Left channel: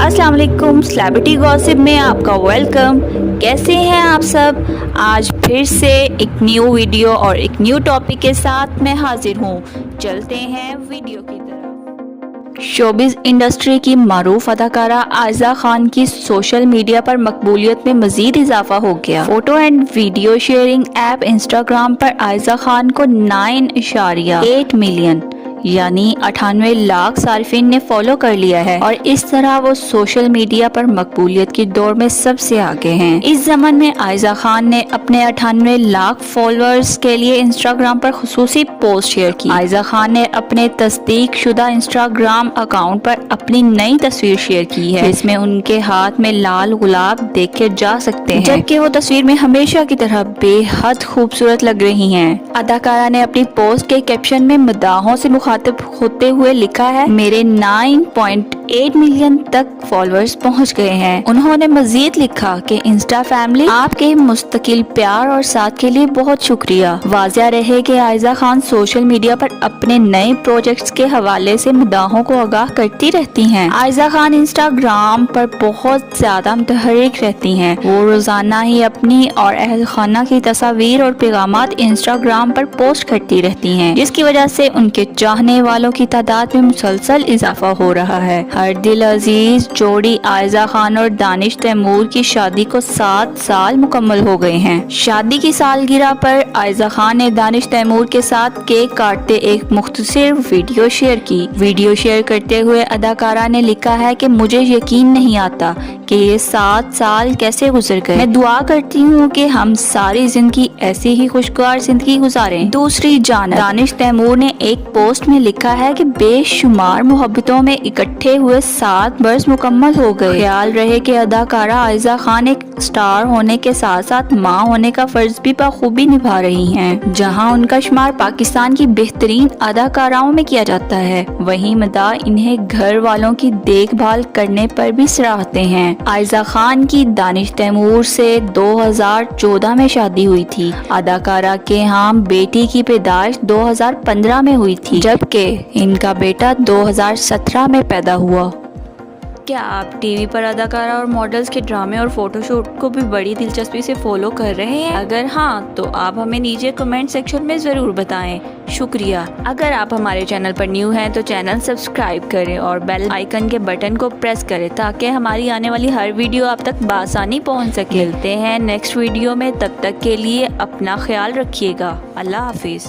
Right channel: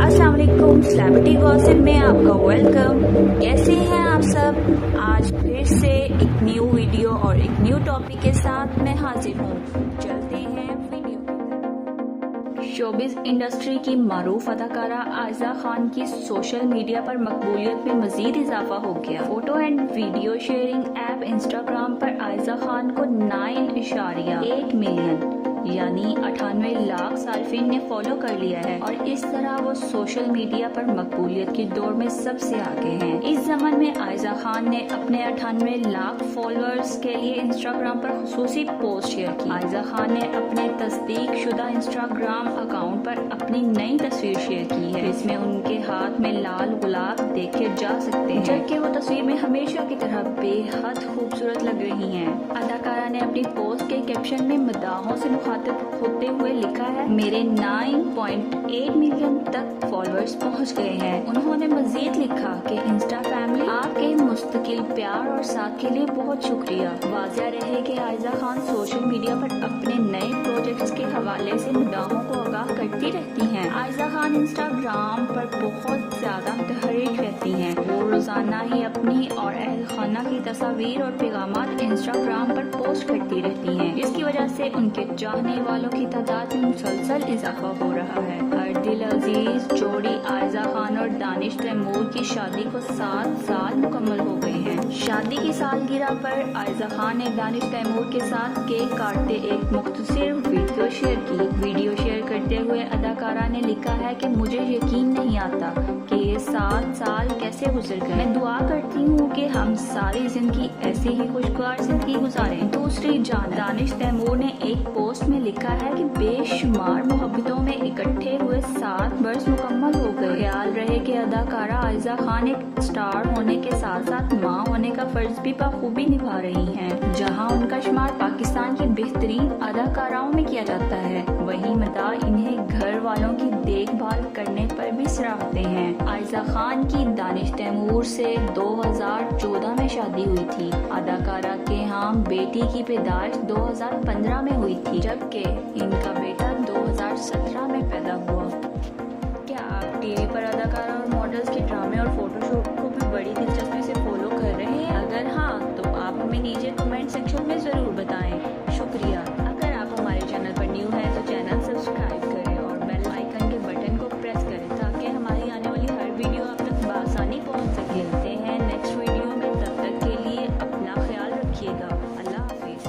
अस्सलाम वालेकुम, celebrity gossip में आपका वेलकम। कैसे हैं आप सब? आज फिर से एक न्यू वीडियो और एक न्यू टॉपिक के साथ मैं हाजिर हूँ। चलते हैं वीडियो की तरफ। शोबिज़ इंडस्ट्री की मारूफ अदाकारा आयज़ा खान की सोशल मीडिया पर मकबूलियत में मज़ीद इजाफा हो गया। Photo and video sharing app Instagram पर आयज़ा खान को 9.8 मिलियन यानी 98 लाख सार्फिन ने फॉलो कर लिया है और इस तरह वो सोशल मीडिया पर मकबूलियत की दौड़ में सबसे आगे हैं। इस ज़माने में आयज़ा खान ने अपने 98 लाख फॉलोअर्स के लिए इंस्टाग्राम पर खुसूसी पोस्ट शेयर की। आयज़ा खान ने अपने तस्दीक शुदा इंस्टाग्राम अकाउंट पर अपनी नई तस्वीर शेयर की है, जिसमें उनके हाथ में लाल गुलाब देखे जा सकते हैं, जबकि वो तस्वीर में हमेशा की तरह बेहद खूबसूरत लग रही हैं। अदाकारा ने अपनी पोस्ट के कैप्शन में मदाहों से मुखातिब होते हुए लिखा है, मेरे 9.8 मिलियन तक फॉलोअर्स पहुंच गए हैं। उन्होंने मजीद लिखा कि इंस्टा फैमिली, आपके मुस्तकिल प्यार और साथ के लिए बहुत शुक्रिया। वाज़िया रहे कि आयज़ा खान सोशल मीडिया पर अपने नए प्रोजेक्ट्स के हवाले से मदाहों को आगाह करती रहती हैं। आयज़ा खान इंस्टाग्राम पर बहुत ज्यादा मुतहर्रिक रहती हैं। वो रोजाना ही अपनी और अहल खाना की तस्वीर और पैगामात इंस्टाग्राम पर पोस्ट करती रहती हैं, जिसकी वजह से उनके चाहने वालों की तादाद में मुसलसल इजाफा हो रहा है। हर दिल अजीज जोड़ी आयज़ा खान और दानिश तैमूर की शादी को 7 साल मुकम्मल हो गए हैं। शादी की सालगिरह पर आयज़ा खान ने दानिश तैमूर के साथ केक काटते एक मुख्तसर वीडियो शेयर की। वीडियो शेयर करते हुए अदाकारा ने लिखा है कि मुझे यकीन नहीं आता कि ये 7 साल कैसे गुजर गए। मैं दुआ करती हूँ कि हम सारी जिंदगी ऐसी ही खुशगवार जिंदगी गुजारें। दूसरी जानिब दानिश तैमूर ने एक पोस्ट में लिखा है कि बेशुमार मोहब्बतों में इकट्ठे हुए 7 बरस मुकम्मल हो गए। ख्याल रहे कि अदाकारा आयज़ा खान एक स्टार होने के साथ साथ माँ होने का फर्ज भी बखूबी निभा रही हैं। जहां उनका शुमार पाकिस्तान की बेहतरीन अदाकाराओं में किया जाता है, वहीं मदा इन्हें घर वालों की देखभाल करने पर भी सराहते हैं। आयज़ा खान की दानिश तैमूर से 2014 में शादी हुई थी। अदाकारा के यहाँ बेटी की पैदाइश 2015 में हुई थी, जबकि इनका बेटा 2017 में पैदा हुआ। क्या आप टीवी पर अदाकारा और मॉडल्स के ड्रामे और फोटोशूट को भी बड़ी दिलचस्पी से फॉलो कर रहे हैं? अगर हाँ, तो आप हमें नीचे कमेंट सेक्शन में ज़रूर बताएं। शुक्रिया। अगर आप हमारे चैनल पर न्यू हैं तो चैनल सब्सक्राइब करें और बेल आइकन के बटन को प्रेस करें ताकि हमारी आने वाली हर वीडियो आप तक बआसानी पहुँच सके। मिलते हैं नेक्स्ट वीडियो में, तब तक के लिए अपना ख्याल रखिएगा। अल्लाह हाफिज़।